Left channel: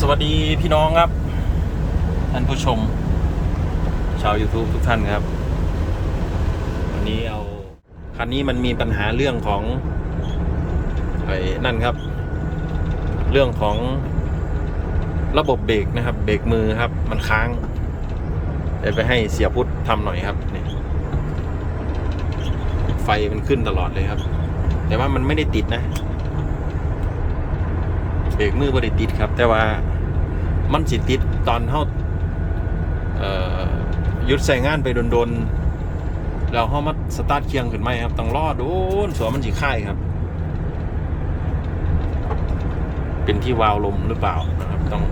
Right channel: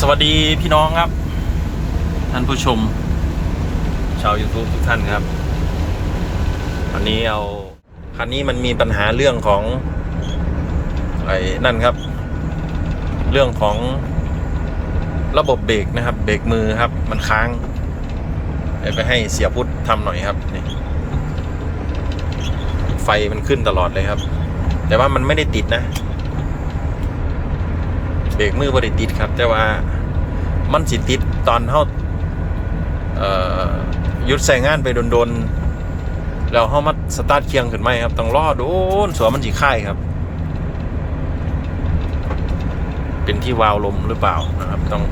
สวัสดีพี่น้องครับ ท่านผู้ชม ชาว YouTube ทุกท่านครับวันนี้เอาคันนี้มันมีปัญหาเรื่องของไอ้นั่นครับ เรื่องของระบบเบรกนะครับ เบรกมือครับ มันค้างเดี๋ยวไปให้เสียพุทธทำหน่อยครับนี่ไฟมันขึ้นตลอดเลยครับ แต่ว่ามันไม่ได้ติดนะ เบรกมือบริติดครับ แต่ว่ามันสิติดตอนเท่าเอ่อหยุดใส่งานไปโดนๆแล้วเฮามาสตาร์ทเคียงขึ้นไหมครับต้องรอโดนสวมันสีค่ายครับ เป็นที่วาล์วลมหรือเปล่านะครับ ต้อง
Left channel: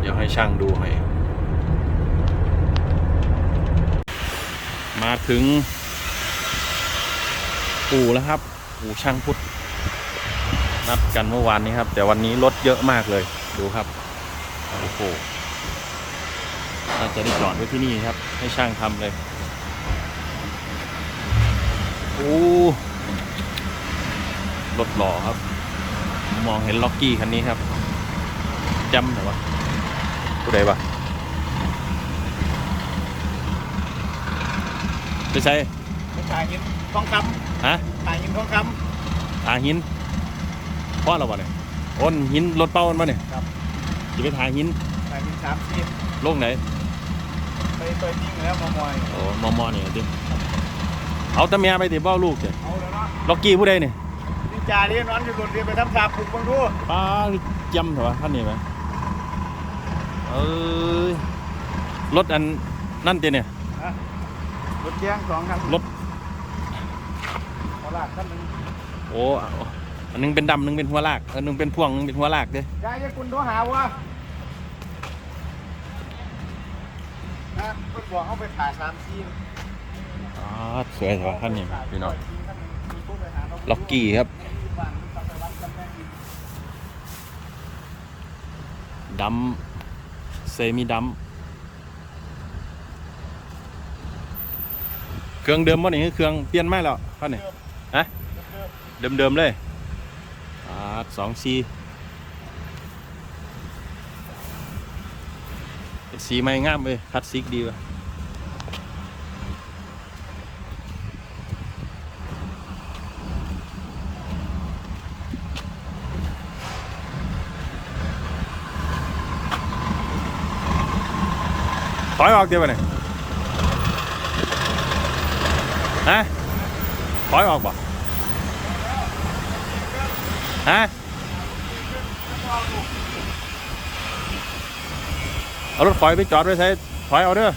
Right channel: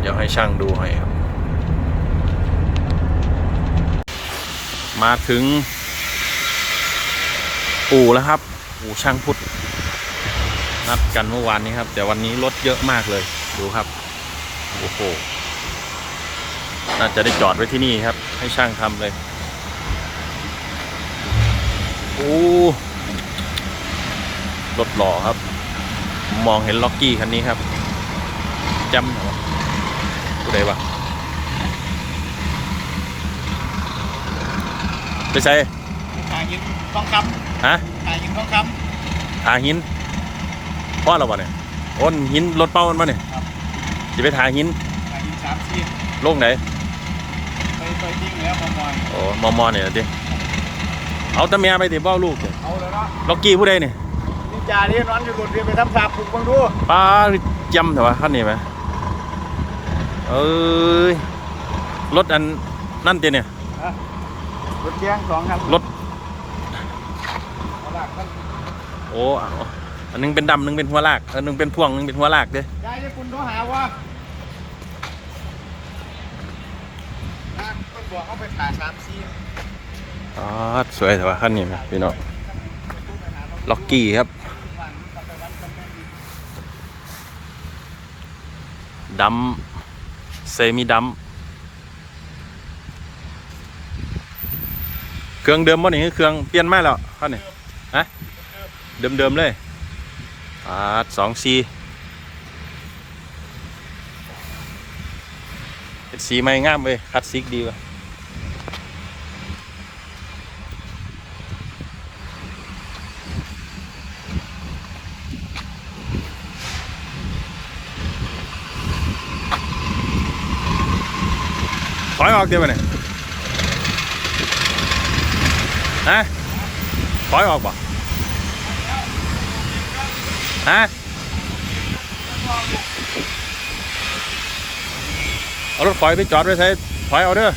เดี๋ยวให้ช่างดูให้ครับ มาถึง อู่แล้วครับ อู่ช่างพุทธ นัดกันเมื่อวานนี้ครับ แต่วันนี้รถเยอะมากเลย ดูครับ โอ้โห น่าจะได้จอดไว้ที่นี่ครับ ให้ช่างทำเลย โอ้ รถหล่อครับ มองเห็นล็อกกี้คันนี้ครับจำนะวะผู้ใดวะไปใส่ขายเงินทองคฮะำขายเงินทองคทาหิน พ่อเราบ่เนี่ยโอนหินรถเป้ามันมาเนี่ยครับ จะไปทาหินำขายเงินสามสิบโลกไหนไปไปยิงแล้วมอมอยโอ้มอมอเนี่ยดิเอาแตะเมียไปติเบ้าลูกเนี่ยเอาเลยเนาะล็อกกี้ผู้ใดเนี่ยนี่จ่าที่นอนอยู่รถเรียนไปทำสาปลูกบังดูป้าจำเถอะวะขั้นนี้ไหมเอ้ยรถอันนั่นเจเนี่ยรถแจ้งสองคันรถหัวลากคันหนึงโอ้เอา อันหนึงเป็นดำหนึงเป็นหัวลากอันหนึงเป็นพ่วงหนึงเป็นหัวลากเด้ยายจะคุณโทรหาว่านะคุณบอกเอาไปขายสามสี่อ๋อสวยแต่ว่าขั้นนี้ไหมพี่น้องล็อกกี้ครับดำเซมิดำเครื่องเดิมบ่นี่คือเครื่องเปลี่ยนมาแล้วขั้นนี้ฮะเดิมเดิมๆเลย อ่าสองซีสีไม่งามเว้ยคัดซิกดีว่ะถอยออกเดี๋ยวไปเนี่ยฮะถอยออกบ่ ฮะเอารถถอยไปจอดไว้ใช้ถอยเอาเด้อ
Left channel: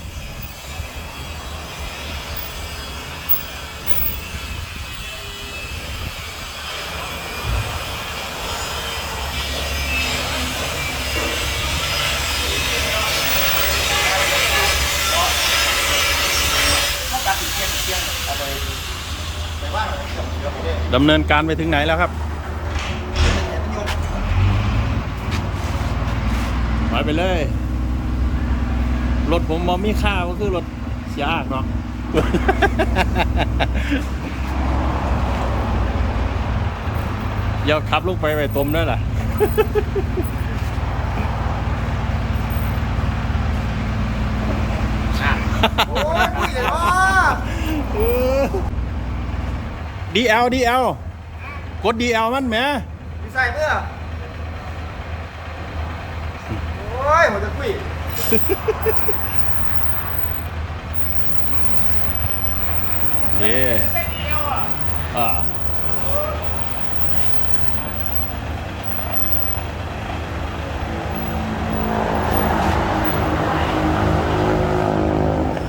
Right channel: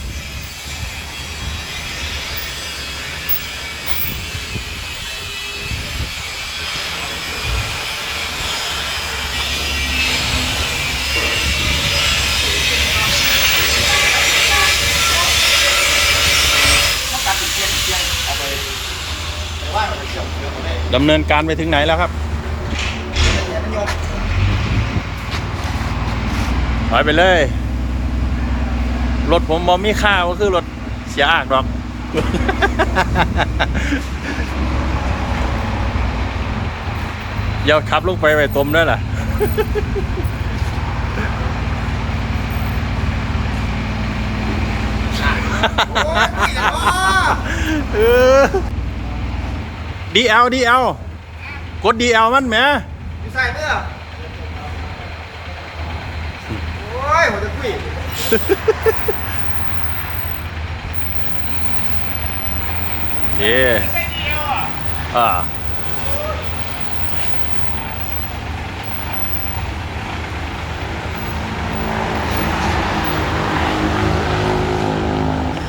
ถ้าการติดเชียงเชียงเอาไปไปว่าเราจะเชื่อมเรือหมดเลยดำเนินการไปถึงไหนแล้วครับ เป็นอย่างนั้นโยม ถ อยไปเลย รถผมบอมีค่าก็คือรถเสียอากหรอกอย่าขับลงไปไปตมด้วยล่ะโอ้ยนี่เหรอเออ DL DL กด DL มันแหมมีใส่เมื่อโอ้ ยหัวจะคุยเย่ใส่เดียวอ่อ่า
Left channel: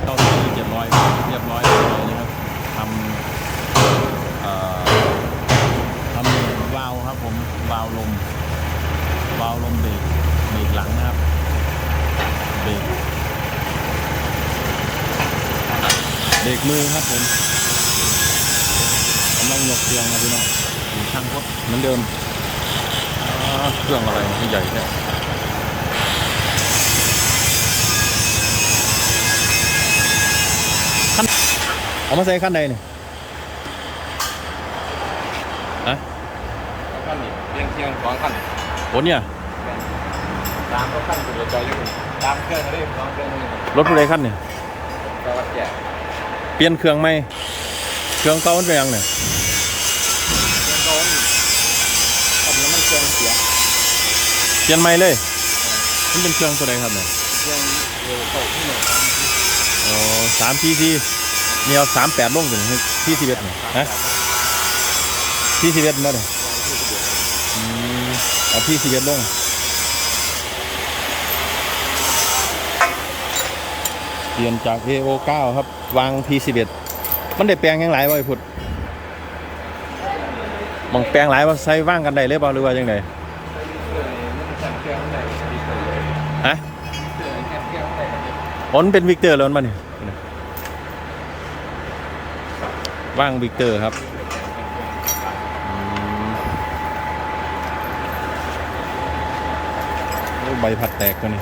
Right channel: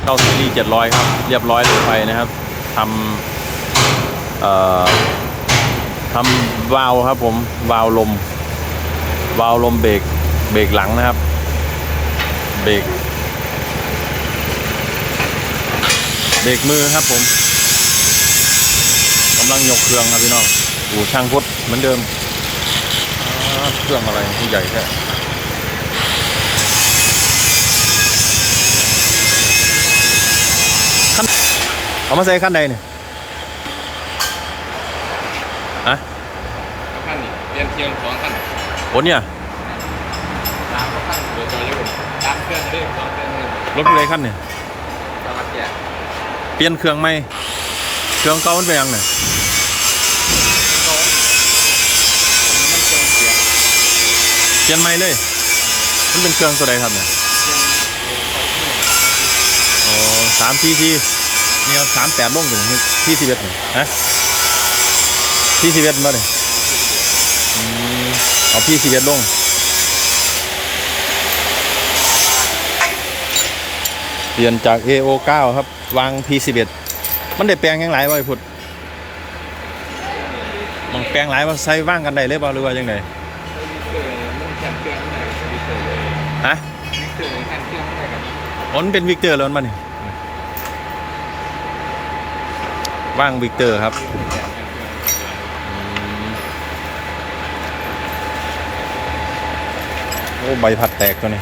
เข้าที่เจ็ดร้อยครับ เรียบร้อยลงไปนะครับทำเอ่อทำวาล์วครับผมวาล์วลมวาล์วลมเบรกเบรกหลังนะครับ เบรกเบรกมือครับผมกำลังยกเครื่องครับพี่น้องดูช่างพุทธเหมือนเดิมอ่าเครื่องอะไรที่ใหญ่แท้ขั้นเอามาใส่ขั้นใดเนี่ยฮะขั้นนี่เรียนเพียงสองขั้นโอ้เนี่ย ตามเครื่องด้วยของเครื่องหนึ่งรถผู้ใดขั้นเนี่ยตัวละเกียร์เปลี่ยนเครื่องใหม่เครื่องเก่ามันเป็นยังไงผมมีเครื่องเสียงเปลี่ยนใหม่เลย มันเป็นเครื่องตัวใดครับเนี่ยเครื่องเออใส่เครื่องอ๋อสามทีทีเนี่ยสามแปดลงถึงที่สิบเอ็ดเนี่ยฮะที่สิบเอ็ดมาเลยอืมเอาพี่สิบเอ็ดลง เปลี่ยนจาก AO9 ครับ วาง P11 มันได้แปลงยังหลายวะไอ้พุดมองแปลงหลายว่าใส่ว่างกันได้เลยเปล่าหรือว่ายังไงฮะอนกันผลเป็นวิกเตอร์แล้วมันนี่ว่างวิกเตอร์ครับโอ้ใบพัดแตกตัวนี้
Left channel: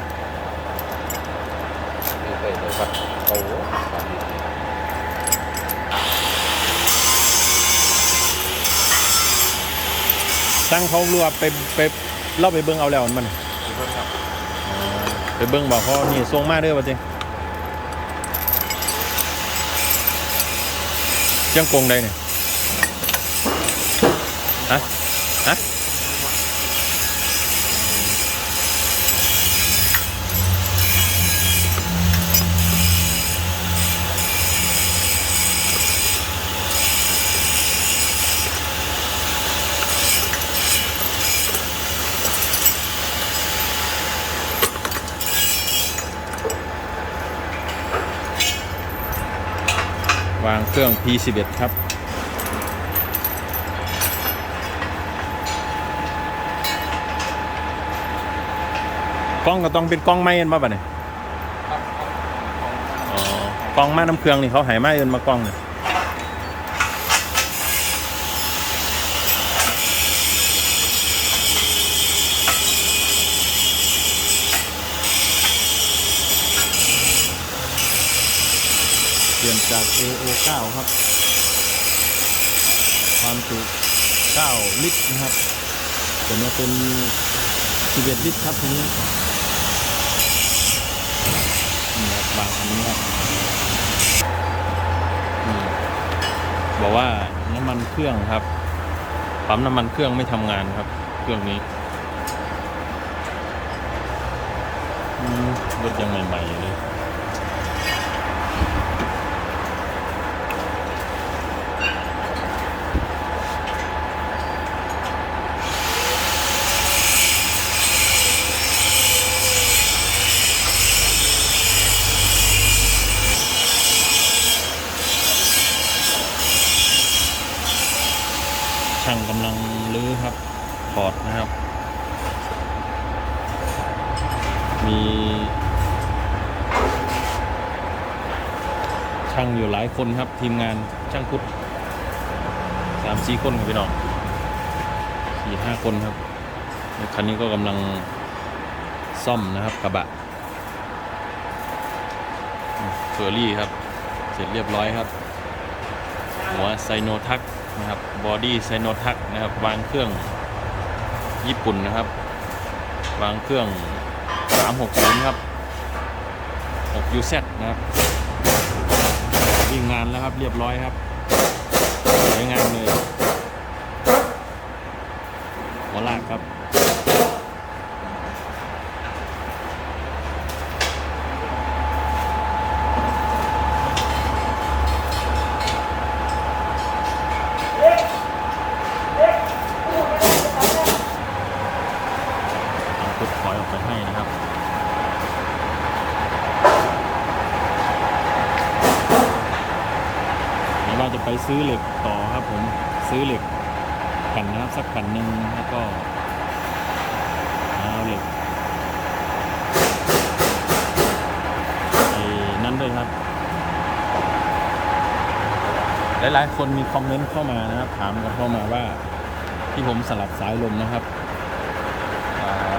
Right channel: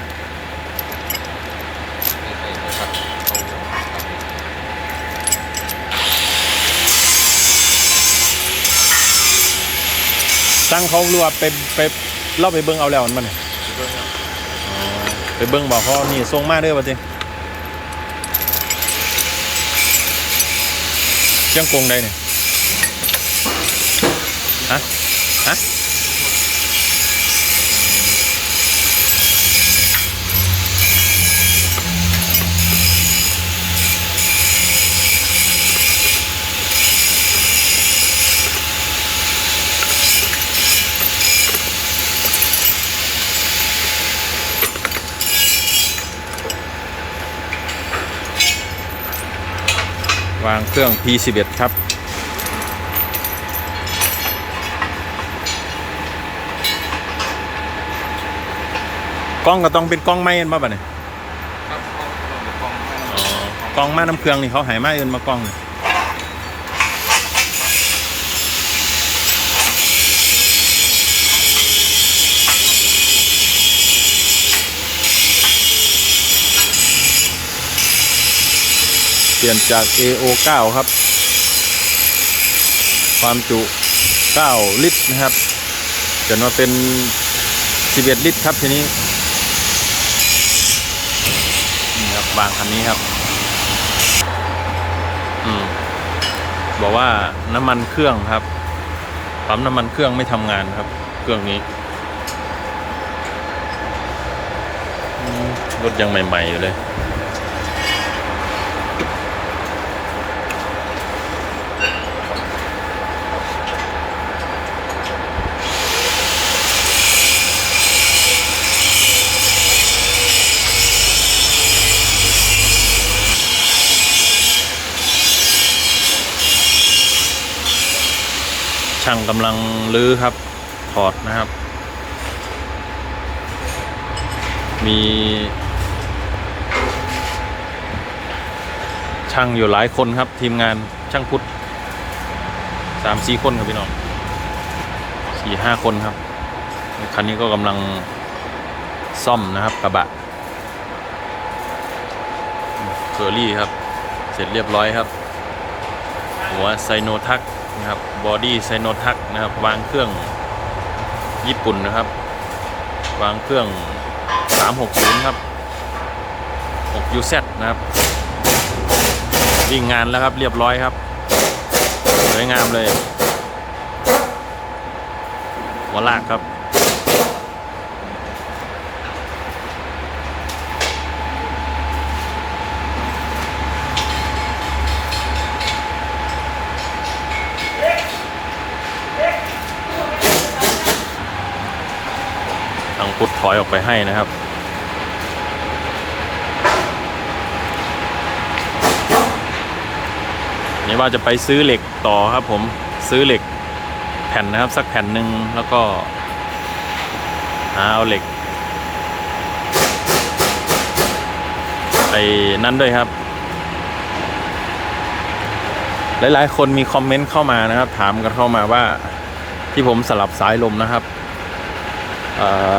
ตั้งเขารัวาไปไปเล่าไปเบิ้งเอาแล้วมันมาเนี่ยอ๋อไปเบิ้งบอกเขานี่ทรงมาเด้อป่ะจิเชียงกงใดเนี่ยฮะฮะ วางเครื่อง P11 ครับ กล้องก็ต้องเป็นกล้องไม้เอ็นมาป่ะเนี่ยครับกล้องกล้องอ๋อกล้องมาน้ำเครื่องนี่เขาใหายไม้เอ็นมากล้องเนี่ย ปลี่ยนจาก AO9 ครับ ความจุ 9 ลิตรนะครับจนมาเป็น 11 ลิตรครับทีนี้ นี่ครับวางคันนี้ครับ อืม บอกว่าน้ำมันเครื่องครับปั๊มน้ำมันเครื่องไม่ทำงานครับ เครื่องนี้รถยังใหม่ ๆ อยู่เลยางกำลังลื้อครับถอดนะครับ มีช่างอยู่หลายคนครับ ทีมงานช่างพุทธสามสี่คนครับพี่น้องสี่ห้าคนครับคันนี้ก็กำลังซ่อมนะครับกระบะเคอรี่ครับ เสร็จเรียบร้อยครับ หัวไซโนทัก นะครับบอดี้ไซโนทักนะครับ วางเครื่องญี่ปุ่นนะครับ วางเครื่อง 360 ครับ 6UZ นะครับวิ่งงานแล้วครับเรียบร้อยครับสวยงามเลยหัวลากครับ ต้ องพุดถอยออกไปให้นะครับ นี่ว่าจะไปซื้อเหล็กต่อครับผมซื้อเหล็กแผ่นนะครับ สักแผ่นหนึ่งแล้วก็หาเอาเหล็กไอ้นั่นด้วยครับ หลายๆ คนมีคอมเมนต์เข้ามานะครับ ถามกันเข้ามาว่าที่ผมสลับสายลมนะครับ เอ่อ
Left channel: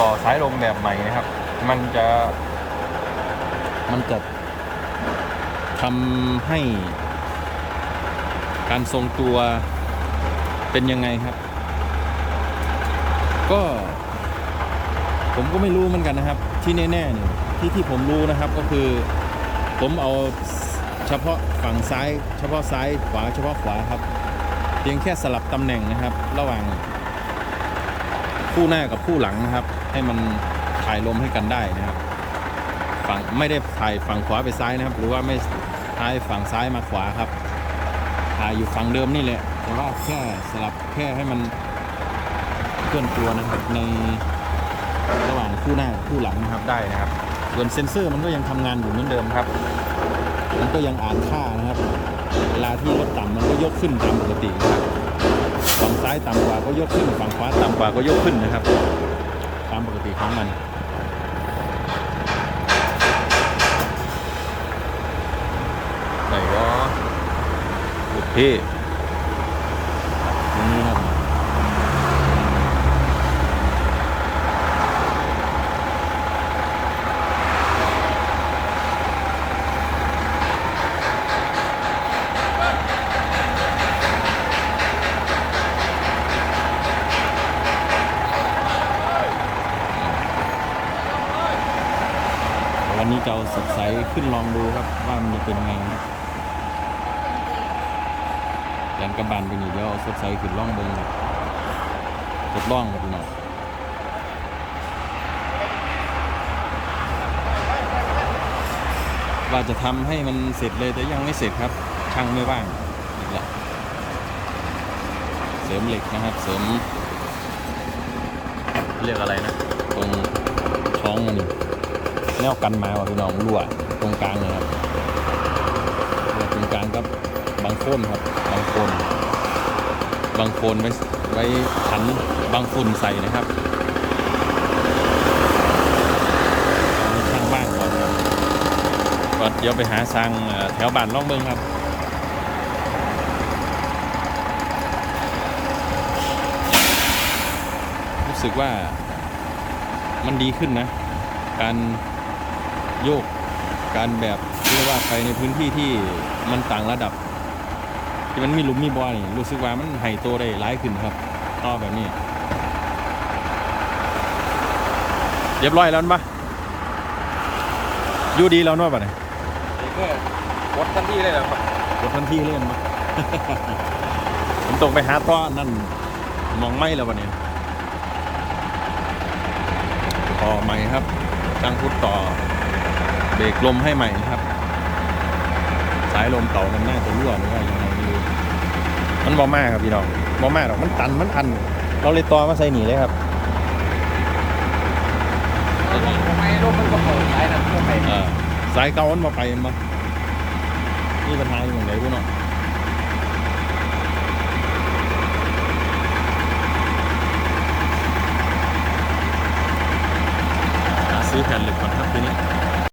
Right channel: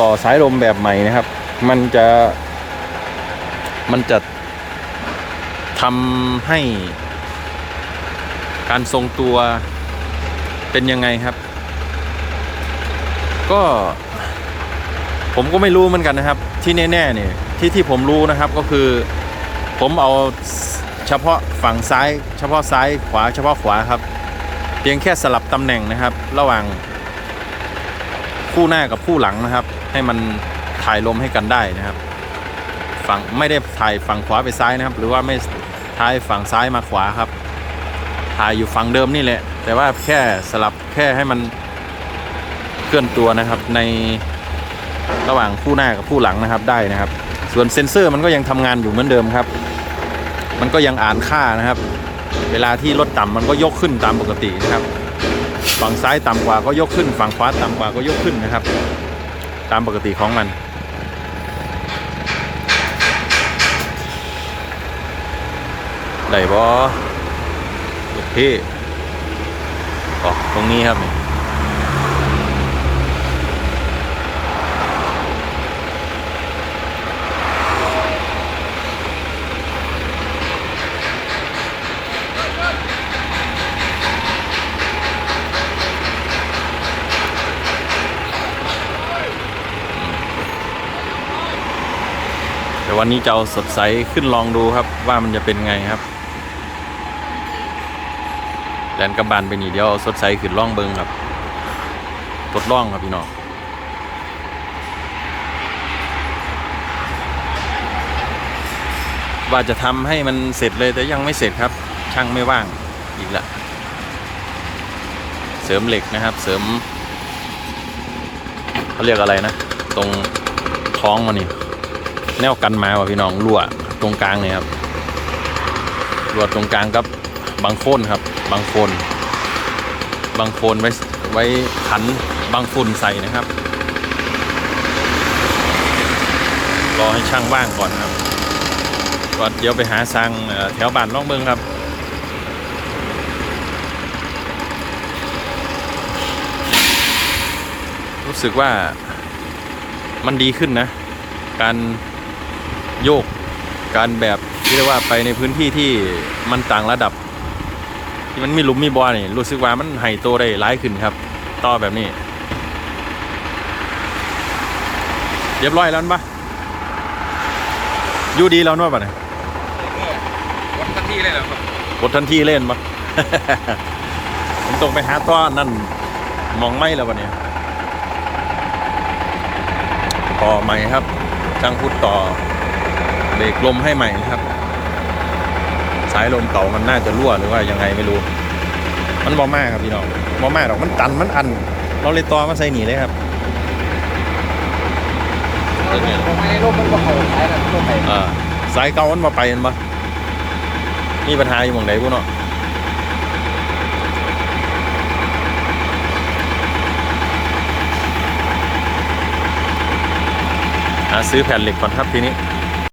ต่อสายลมแบบใหม่นะครับ มันจะ มันจะทำให้การทรงตัวเป็นยังไงครับ ก็ผมก็ไม่รู้เหมือนกันนะครับ ที่แน่ๆเนี่ยที่ที่ผมรู้นะครับก็คือ ผมเอาเฉพาะฝั่งซ้าย เฉพาะซ้ายขวาเฉพาะขวาครับ เพียงแค่สลับตำแหน่งนะครับ ระหว่างคู่หน้ากับคู่หลังนะครับ ให้มันถ่ายลมให้กันได้นะครับฝั่งไม่ได้ถ่ายฝั่งขวาไปซ้ายนะครับ หรือว่าไม่ถ่ายฝั่งซ้ายมาขวาครับถ่ายอยู่ฝั่งเดิมนี่แหละ แต่ว่าแค่สลับแค่ให้มันเคลื่อนตัวนะครับในระหว่างคู่หน้ากับคู่หลังนะครับได้นะครับ ส่วนเซ็นเซอร์มันก็ยังทำงานอยู่เหมือนเดิมครับ มันก็ยังอ่านค่านะครับ เวลาที่รถต่ำมันก็ยกขึ้นตามปกตินะครับ ฝั่งซ้ายต่ำกว่าก็ยกขึ้น ฝั่งขวาต่ำกว่าก็ยกขึ้นนะครับ ตามปกติของมัน ได้บอลูกพี่ออกตรงนี้ครับ วันนี้จะเอาสดใสขึ้นลองดูครับ ว่ามันจะเป็นไงครับแลนกำบานไปนี่เดี๋ยวเอาสดใสขึ้นล่องเบิงครับทดลองครับพี่น้องว่าจะทำให้มันเสร็จเลยแต่ยังไม่เสร็จครับ ช่างไม่ว่างอีกละเสริมเหล็กนะครับ เสริมเขาเรียกอะไรนะ ตรงท้องมันนี่ แนวกันมาว่ะพี่น้องรั่วตรงกลางเนี่ยครับรั่วตรงกลางกับบางโคนครับ บางโคนบางโคนไว้ไว้ขันบางฝุ่นใส่นะครับรอให้ช่างว่างก่อนครับก็เดี๋ยวไปหาสร้างแถวบ้านล่องเบิงครับรู้สึกว่ามันดีขึ้นนะ การ โยกการแบบที่เรียกว่าไปในพื้นที่ที่มันต่างระดับ ที่มันมีหลุมมีบ่อนี่รู้สึกว่ามันไห่โตได้ร้ายขึ้นครับ ต่อแบบนี้ เรียบร้อยแล้วปะอยู่ดีแล้วเนวะปะเนี่ยวัดทันทีเลยเหรอครับกดทันทีเล่นปะผมต้องไปหาต้อนั่นมองไม่แล้วปะเนี่ยต่อใหม่ครับจังพุดต่อ เบรกลมให้ใหม่นะครับ สายลมเก่ามันน่าจะรั่วหรือว่ายังไงไม่รู้ มันบอมากครับพี่น้องบอมากหรอกมันตันมันอัน เราเลยต่อมาใส่หนีเลยครับเรื่องไงลงในร่มมันก็เข้าสายนะร่มในอ่าสายเก่ามันมาไปมันปะมีปัญหาอยู่หมองไหนกูเนาะหาซื้อแผ่นเหล็กก่อนครับทีนี้